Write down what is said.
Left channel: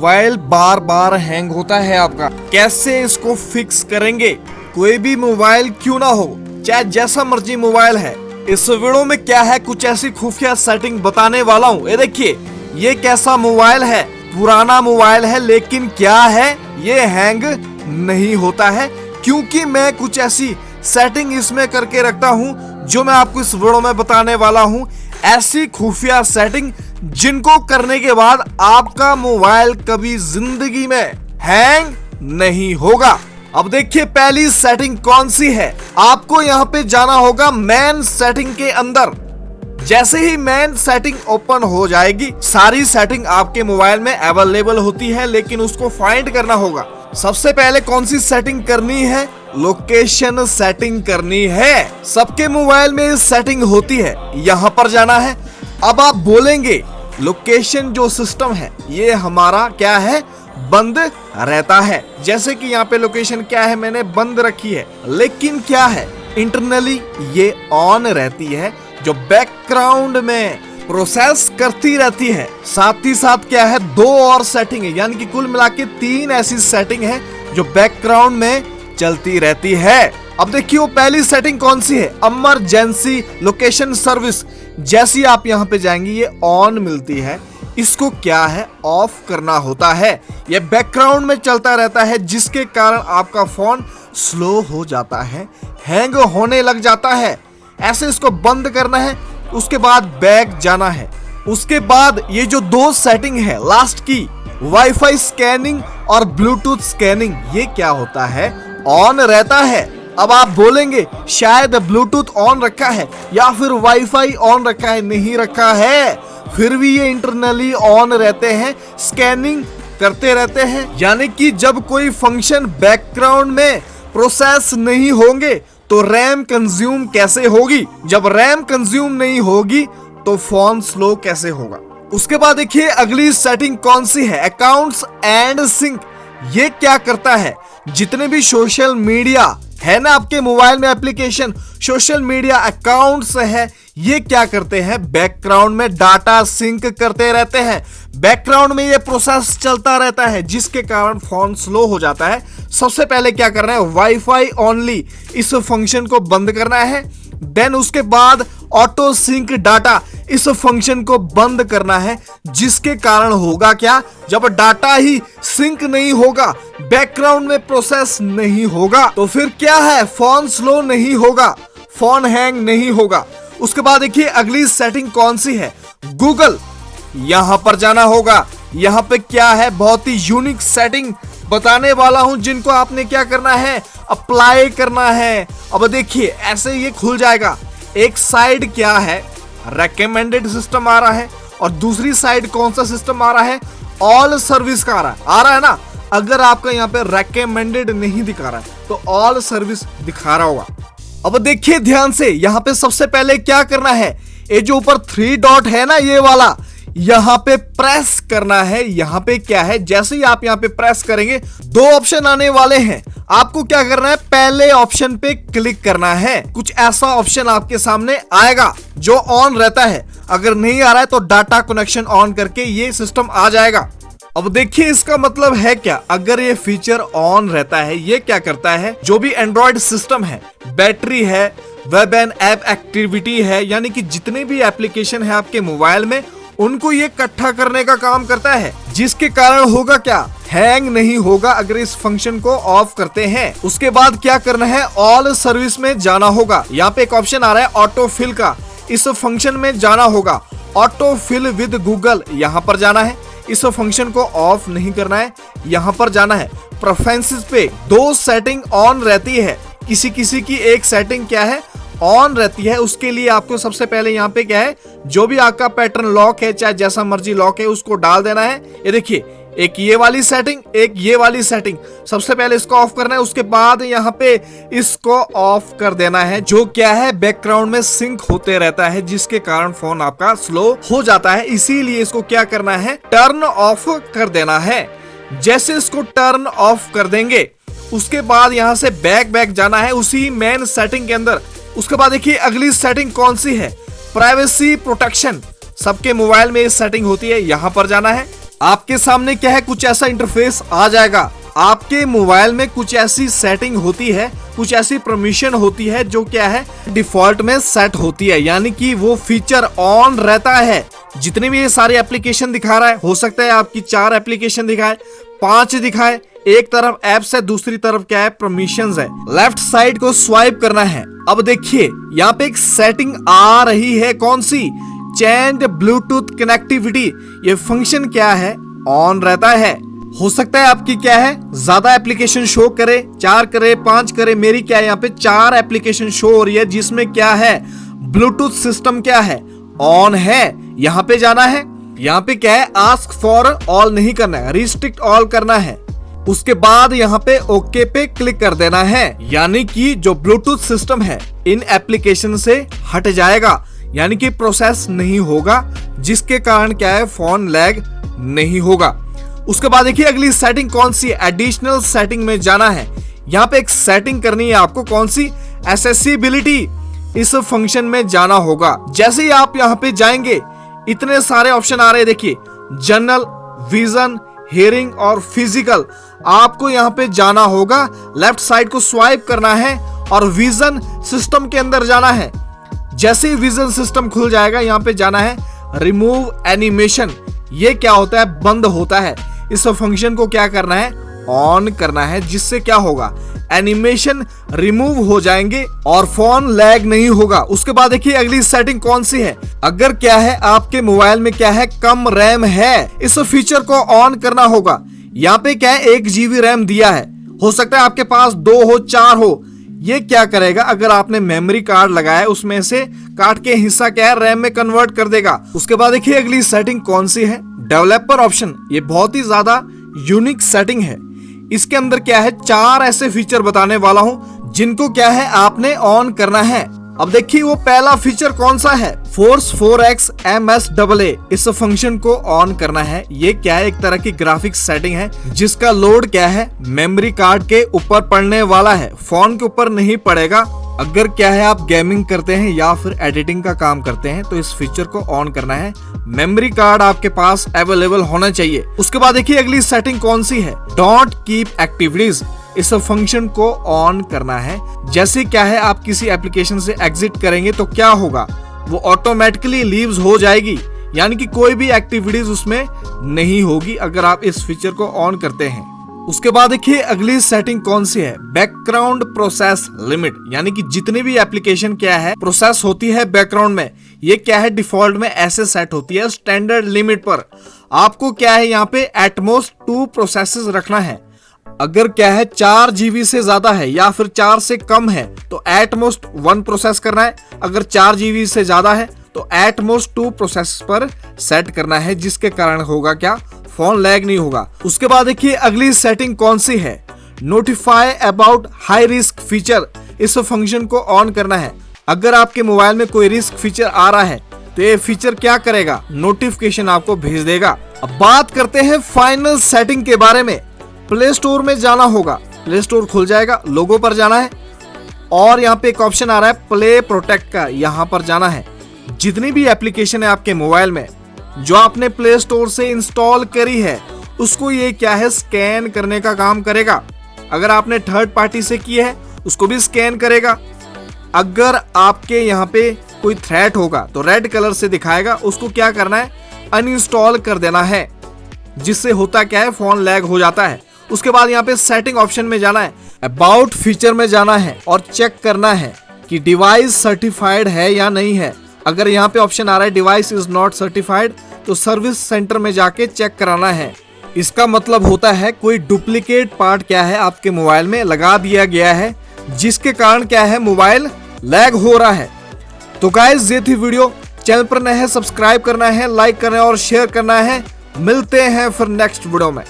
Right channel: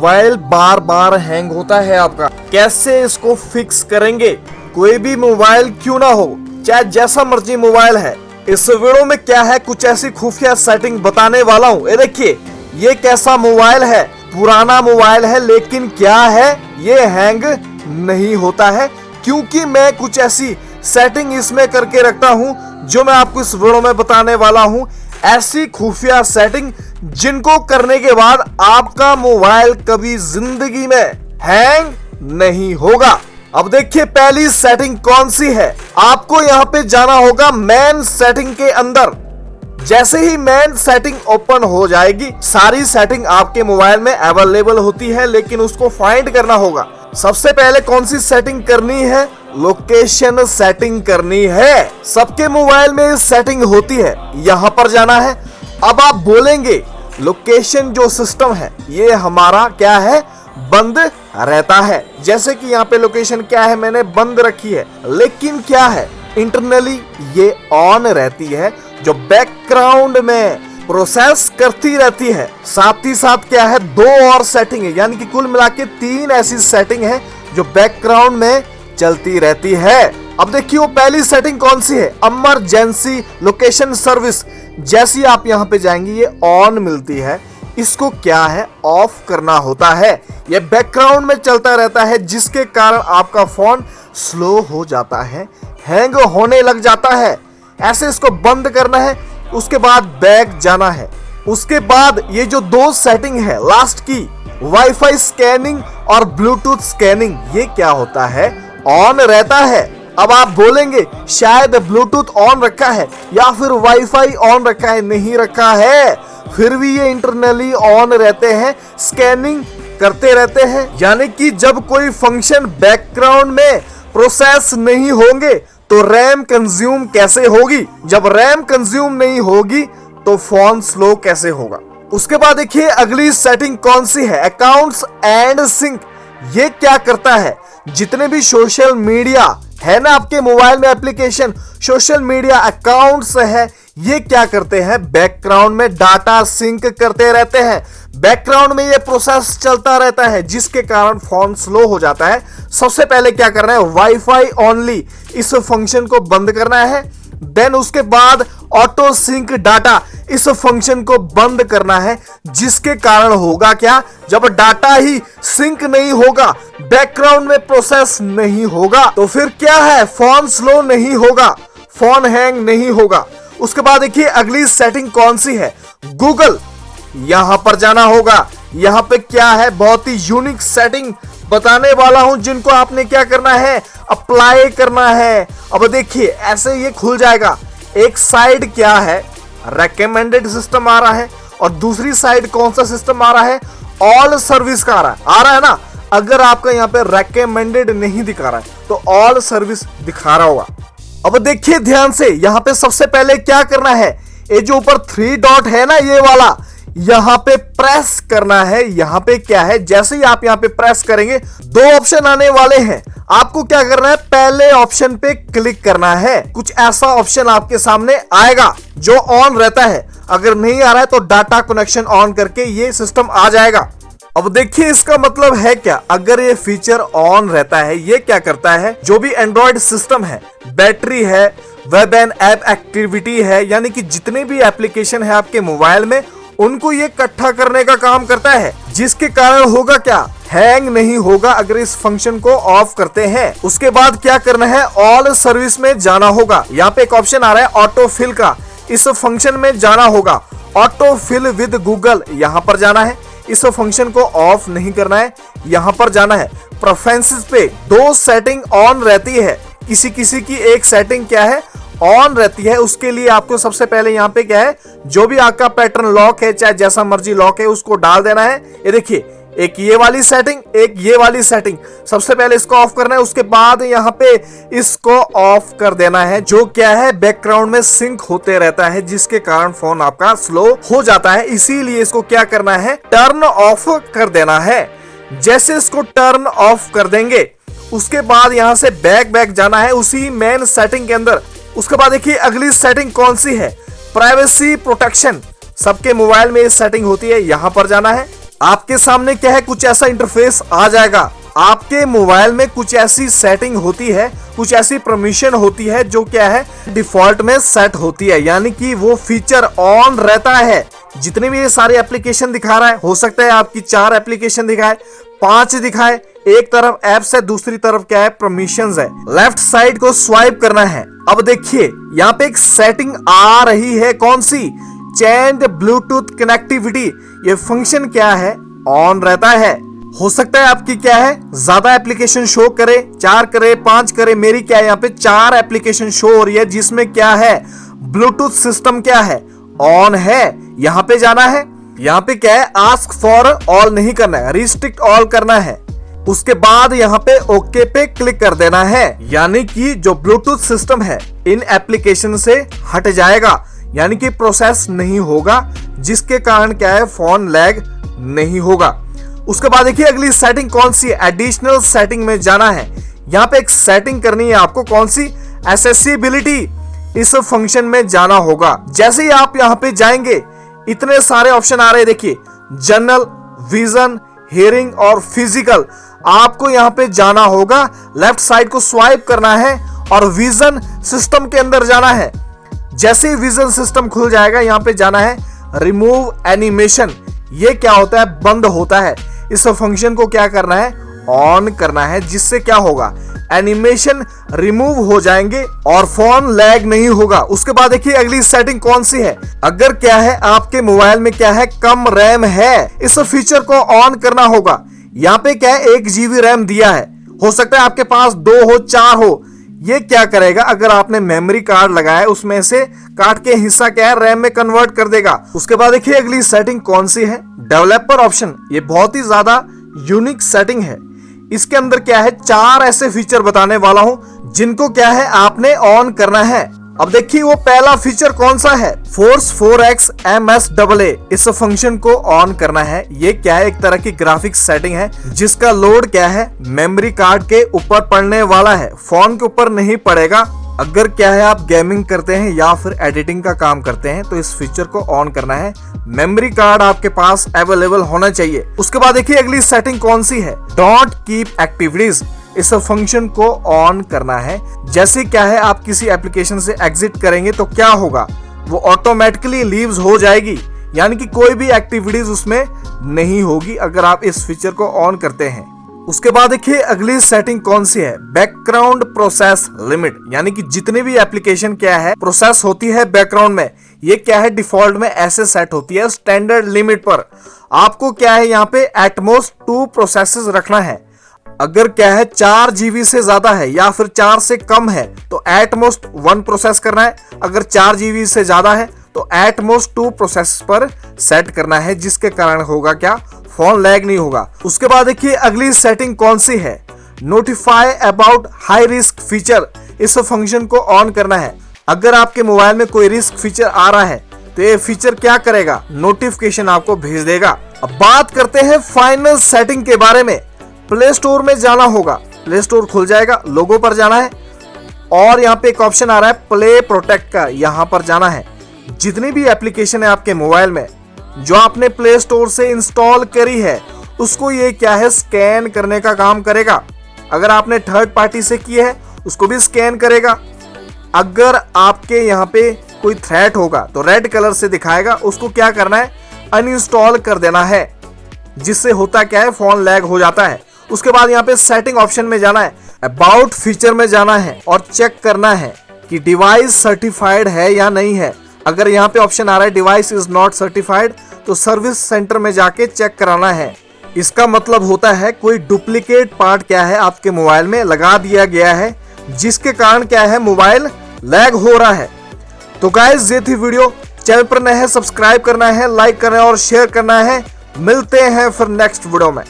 Mobile बार बार hang होता है आपका, कैसे इसको फिक्स करेंगे? कोई भी मोबाइल क्यों ना हो, चाहे जैसा मर्जी मोबाइल है, इस वीडियो में क्या है कुछ ऐसी खुफिया सेटिंग बताने वाला हूँ। ये देखिए, ये कैसा मोबाइल है, पुराना मोबाइल है, लेकिन क्या है ये हैंग नहीं होता है, क्योंकि मैं कुछ ऐसी सेटिंग इसमें करके रखता हूँ जो मैं आपको इस वीडियो में बताने वाला हूँ। ऐसी खुफिया सेटिंग जिनको करने के बाद आपका मोबाइल कभी जिंदगी में हैंग नहीं होगा। अब देखिए पहली सेटिंग कौन सी है। आपको यहाँ पे जाना होगा मेन सेटिंग के अंदर। जैसे ही मेन सेटिंग ओपन हो जाएगी, सारी सेटिंग आपके मोबाइल में अवेलेबल होती है, लेकिन उसको फाइंड करना होगा। सबसे पहले कौन सी सेटिंग करनी है? लोकेशन सेटिंग करनी है। सबके मोबाइल में सेटिंग होती है, यहाँ पर जाना है। अब आप बोलेंगे लोकेशन जो सिस्टम है ये हमारा क्या है, बंद रहता है। जैसे कि यहाँ पे लोकेशन क्या है, मैंने बंद रखी है, लेकिन क्या है इंटरनली ये ऑन रहती है, जो बैकग्राउंड में प्रोसेस करती रहती है। साथ ही साथ क्या है, दो और सेटिंग है, यानी कि कुल मिला के 3 ऐसी सेटिंग है जो बैकग्राउंड में चलती रहती है। अब देखिए वो पहली सेटिंग कौन सी है, इमरजेंसी लोकेशन सर्विस। जैसी आप यहाँ पे जाएंगे ये ऑन मिलती है, इसको क्या है ऑफ करना होता है। ये बैकग्राउंड में चलता रहता है, जिसके कारण आपका फोन स्लो हो जाता है, हैंग होने लग जाता है। ऐसे इसको बंद करना है, उसके बाद बैक जाना है। उसके बाद ये जो 2 सेटिंग है लास्ट की, वाईफाई स्कैनिंग और ब्लूटूथ स्कैनिंग, ये क्या होता है, ऑन रहता है। अब आप बोलेंगे शायद ब्लूटूथ ऑन रखा है या फिर वाईफाई ऑन रखा है, नहीं रखा है, फिर भी ये इंटरनली ऑन रहते हैं, स्कैनिंग करते रहते हैं। यानी कि जब कोई फंक्शन बैकग्राउंड में प्रोसेस नहीं होंगे तो रैम कंज्यूम कैसे होगी? जब रैम कंज्यूम नहीं होगी तो फोन स्लो कैसे होगा? उसके बाद देखिए अगली सेटिंग कौन सी है, अकाउंट्स एंड सिंक। ये क्या करता है, जितने भी सोशल मीडिया है ना आपके मोबाइल में एप्लीकेशन, सोशल मीडिया अकाउंट्स है, ये क्या करते हैं, बैकग्राउंड में डाटा सिंक करते रहते हैं। बैकग्राउंड में ये प्रोसेस चलता रहता है, जिसके कारण फोन स्लो हो जाता है। सबसे पहले क्या करना है, वाईफाई ओनली इस फंक्शन को बंद करना है। देन उसके बाद ऑटो सिंक डाटा, इस फंक्शन को बंद करना है, जिसके कारण होगा क्या, जब डाटा ही सिंक नहीं होगा, बैकग्राउंड में प्रोसेस नहीं होगा, तो फिर क्या है, फोन स्लो नहीं होगा, फोन हैंग नहीं होगा। उसके बाद देखिए अगली सेटिंग कौन सी है, गूगल। यहां पर जाना होगा। यहां पे क्या है, बहुत ही यूनिक सेटिंग बताने वाला हूं, जिनको आपने क्या करना है, अप्लाई करना है। अब देखिए ऐसे ये खुल जाएगा। एक साइड क्या है, रेकमेंडेड सिस्टम आ रहा है, और दूसरी साइड कौन सा सिस्टम आ रहा है, ऑल सर्विस का आ रहा है ना। अगर आपका यहाँ पे रेकमेंडेड नहीं दिखा रहा है तो ऑल सर्विस दिखा रहा होगा। अब देखिए ध्यान से, यहाँ पे सबसे पहले क्या करना है, ये जो ऊपर 3 डॉट है ना, ये वाला, यहाँ पे प्रेस करना है। यहाँ पे क्या है, जैसे ही आप यहाँ पे प्रेस करेंगे 2 ऑप्शन आने वाले हैं। आपको क्या करना है, पहले ऑप्शन पे क्लिक करना है। कुछ ऐसा ऑप्शन आपके सामने आएगा जो ऑन रहता है। अगर नहीं आ रहा है तो डाटा कनेक्शन ऑन करके ये सिस्टम आ जाएगा। अब देखिए इसका मतलब है क्या, अगर ये फीचर ऑन रहता है, ये क्या करता है, जो भी एंड्रॉइड सिस्टम है, बैटरी है, वेब एंड ऐप एक्टिविटी है, यानी कि जितने भी एप्लीकेशन है आपके मोबाइल में, उनको ये इकट्ठा करने का काम करता है, जिसके कारण होगा क्या, हैंग नहीं होगा अगर इस फंक्शन को ऑफ करते हैं। उसके बाद क्या करना है, ऑल सर्विस में जाना होगा। यहाँ पे एक ऑप्शन आ रहा है ऑटो फिल का, इस फंक्शन में जाना होगा। ऑटो फिल विद गूगल, यहाँ पर जाना है, इस फंक्शन को ऑफ नहीं करना है, यहाँ पर जाना है। प्रेफरेंसेस पे 2 सेटिंग ऑन रहती है, किसी किसी की एक सेटिंग क्या है, ऑन रहती है। उसके लिए आपको सबसे पहले यहाँ पे क्या है, जो भी आपका पैटर्न लॉक है, चाहे जैसा मर्जी लॉक है, उसको डाल देना है। ये देखिए, एक ये वाली सेटिंग, एक ये वाली सेटिंग। सबसे पहले इसको ऑफ करना है, उसके बाद यहाँ पे इसको ऑफ कर देना है, जो क्या है, बैकग्राउंड में सिंक होते रहता है, जिसके कारण फोन आपका स्लो हो जाता है। इसीलिए इसको क्या करना है, टर्न ऑफ कर देना है। जैसे इसको टर्न ऑफ कर देंगे, उसके बाद यहाँ से बैक जाना है उसी मेन सेटिंग के अंदर। उसके बाद देखिए अगली सेटिंग कौन सी है, प्राइवेसी प्रोटेक्शन। सबके मोबाइल में ये सेटिंग होती है, यहाँ पर जाना है। आपके सामने क्या है, कुछ ऐसा इंटरफेस आ जाएगा। आपके मोबाइल में कुछ ऐसी सेटिंग होती है, कुछ ऐसी परमिशन होती है जो क्या है, डिफॉल्ट में सेट होती है, यानी कि वो फीचर ऑन रहता है। जितने भी ये सारे एप्लीकेशन दिखा रहा है, हो सकता है आपकी 4 एप्लीकेशन दिखाए, 5 दिखाए। एक तरफ एप्स है, दूसरी तरफ क्या है, परमिशंस है। लेफ्ट साइड को स्वाइप करना है। अब देखिए यहाँ पे एक सेटिंग आ रही है, कौन सी, चेंज ब्लूटूथ कनेक्टिविटी। ये फंक्शन क्या है, ऑन रहता है। हो सकता है आपकी क्या है, ज्यादा एप्लीकेशन शो करे, 4 करे, 5 करे। मेरी क्या है, यहाँ पे 4 एप्लीकेशन शो हो रही है, जिसमें क्या है, ब्लूटूथ सिस्टम क्या है, ऑन है। यहाँ पे जाना है, यहाँ पे क्या है, आस्क फॉर ऑल नहीं करना है, रिस्ट्रिक्ट ऑल करना है। उसके बाद यहाँ पे ओके पे क्लिक कर देना है, यानी कि जो ब्लूटूथ सिस्टम है इन एप्लीकेशन से हट जाएगा, यानी कि प्रोसेस नहीं होगा, जिसके कारण क्या है, फोन लैग नहीं होगा। उसके बाद देखिए अगली सेटिंग कौन सी है, एडिशनल सेटिंग में जाना है। यहाँ पे एक सेटिंग करनी है आपको, कौन सी, एक्सेसिबिलिटी। इस फंक्शन में जाना होगा। जैसे ही आप यहाँ पे जाएंगे, इतने सारे ऑप्शन आ रहे हैं, देखिए, जनरल, विजन, हियरिंग और फिजिकल। आपको यहाँ पे जाना होगा, लेफ्ट साइड को स्वाइप करना है और विजन सिस्टम के अंदर जाना है। जैसे ही विजन सिस्टम खुल जाएगा, यहाँ पे जाना है रिमूव एनिमेशन। ये क्या होता है, बंद होता है। इस फंक्शन को क्या करना है, ऑन करना है, जिससे क्या होगा, एनिमेशन रिमूव हो जाएंगे और फोन लैग नहीं होगा। उसके बाद देखिए अगली सेटिंग कौन सी है, अगर क्या है, आपके मोबाइल में क्या है, कम रैम है, इस फीचर को ऑन करना होगा। यहाँ पे क्या है, 1 GB रैम दिया है, हो सकता है आपके पास 2 हो, 4 हो। ये क्या करेगा, अगर आपने मेमोरी कार्ड लगाया, उसमें से काट के हिस्सा क्या है, रैम में कन्वर्ट कर देगा। उसके बाद देखिए अगली सेटिंग कौन सी है, डेवलपर ऑप्शन। ये बहुत ही ज्यादा यूनिक सेटिंग है। इसके अंदर क्या है, 4 ऐसे फीचर बताने वाला हूं, जिनको क्या है, आपने ऑन करना है। अब देखिए वो पहला फीचर कौन सा है, फोर्स 4x MSAA। इस फंक्शन को ऑन करना है। ये क्या है, एक तरह की ग्राफिक्स सेटिंग है, जिसका लोड क्या है, मेमोरी कार्ड के ऊपर पड़ने वाला है, फोन के ऊपर नहीं पड़ेगा। अगर क्या है, आप गेमिंग करते हैं या फिर एडिटिंग का काम करते हैं, तो इस फीचर को ऑन करना है। मेमोरी कार्ड आपके पास अवेलेबल होना चाहिए। उसके बाद देखिए अगली सेटिंग कौन सी है, डोंट कीप एक्टिविटीज। इस फंक्शन को ऑन करना है। जैसे क्या है, आप किसी एप्लीकेशन से एग्जिट करेंगे तो क्या होगा, वो ऑटोमेटिकली लीव्स हो जाएगी, यानी कि कोई भी एक्टिविटीज उसमें नहीं होगी अगर आप इस फीचर को ऑन करते हैं। उसके बाद देखिए अगली सेटिंग कौन सी है, बैकग्राउंड प्रोसेस लिमिट। यानी कि जितने भी एप्लीकेशन क्या है, प्रोसेस होती है बैकग्राउंड में, ये क्या है, डिफॉल्ट में ऐसे सेट होती है स्टैंडर्ड लिमिट पर। आपको क्या है, यहाँ पे एटमोस्ट 2 प्रोसेसेस रखना है। अगर क्या है, 4 GB से ज्यादा है या फिर 4 से कम है, तो एटमोस्ट 1 प्रोसेस करना है। अगर 4 GB से ज्यादा है तो एटमोस्ट 2 प्रोसेस पर सेट करना है, जिसके कारण होगा क्या, फोन लैग नहीं होगा। उसके बाद देखिए अगली सेटिंग कौन सी है, notify about high risk feature. इस फंक्शन को ऑन करना है। अगर आपके मोबाइल में कोई रिस्क फीचर आ रहा है, तो ये फीचर क्या करेगा, नोटिफिकेशन आपको भेज देगा। अब बात करते हैं फाइनल सेटिंग के बारे में। प्ले स्टोर में जाना होगा, प्ले स्टोर खुल जाएगा, लोगो पर जाना है और यहाँ पे एक ऑप्शन आ रहा है प्ले प्रोटेक्ट का, यहाँ पर जाना है। जितनी भी एप्लीकेशन है आपके मोबाइल में जो आपने प्ले स्टोर से इंस्टॉल करी है, उसको ये क्या है, स्कैन करने का काम करेगा। अगर आपने थर्ड पार्टी से की है, उसको भी स्कैन करेगा। अगर आपके यहाँ पे कोई थ्रेट होगा तो रेड कलर से दिखाएगा, उसको क्या करना है, अनइंस्टॉल कर देना है, जिससे होता क्या है, फोन लैग हो जाता है। उसके बाद यहाँ पे सेटिंग ऑप्शन में जाना है, अबाउट फीचर में जाना है और चेक करना है कि डिवाइस सर्टिफाइड है या नहीं है। अगर यहाँ पे ऑप्शन आ रहा है डिवाइस इज नॉट सर्टिफाइड, तो सर्विस सेंटर में जाके चेक कराना है। इसका मतलब होता है कोई डुप्लीकेट पार्ट क्या है, आपके मोबाइल में लगा दिया गया है, जिसके कारण क्या है, मोबाइल लैग हो रहा है। तो गाइस ये थी वीडियो। चैनल पर नए हैं, सब्सक्राइब करना है, लाइक करना है और शेयर करना है। मिलते हैं फिर नेक्स्ट वीडियो में।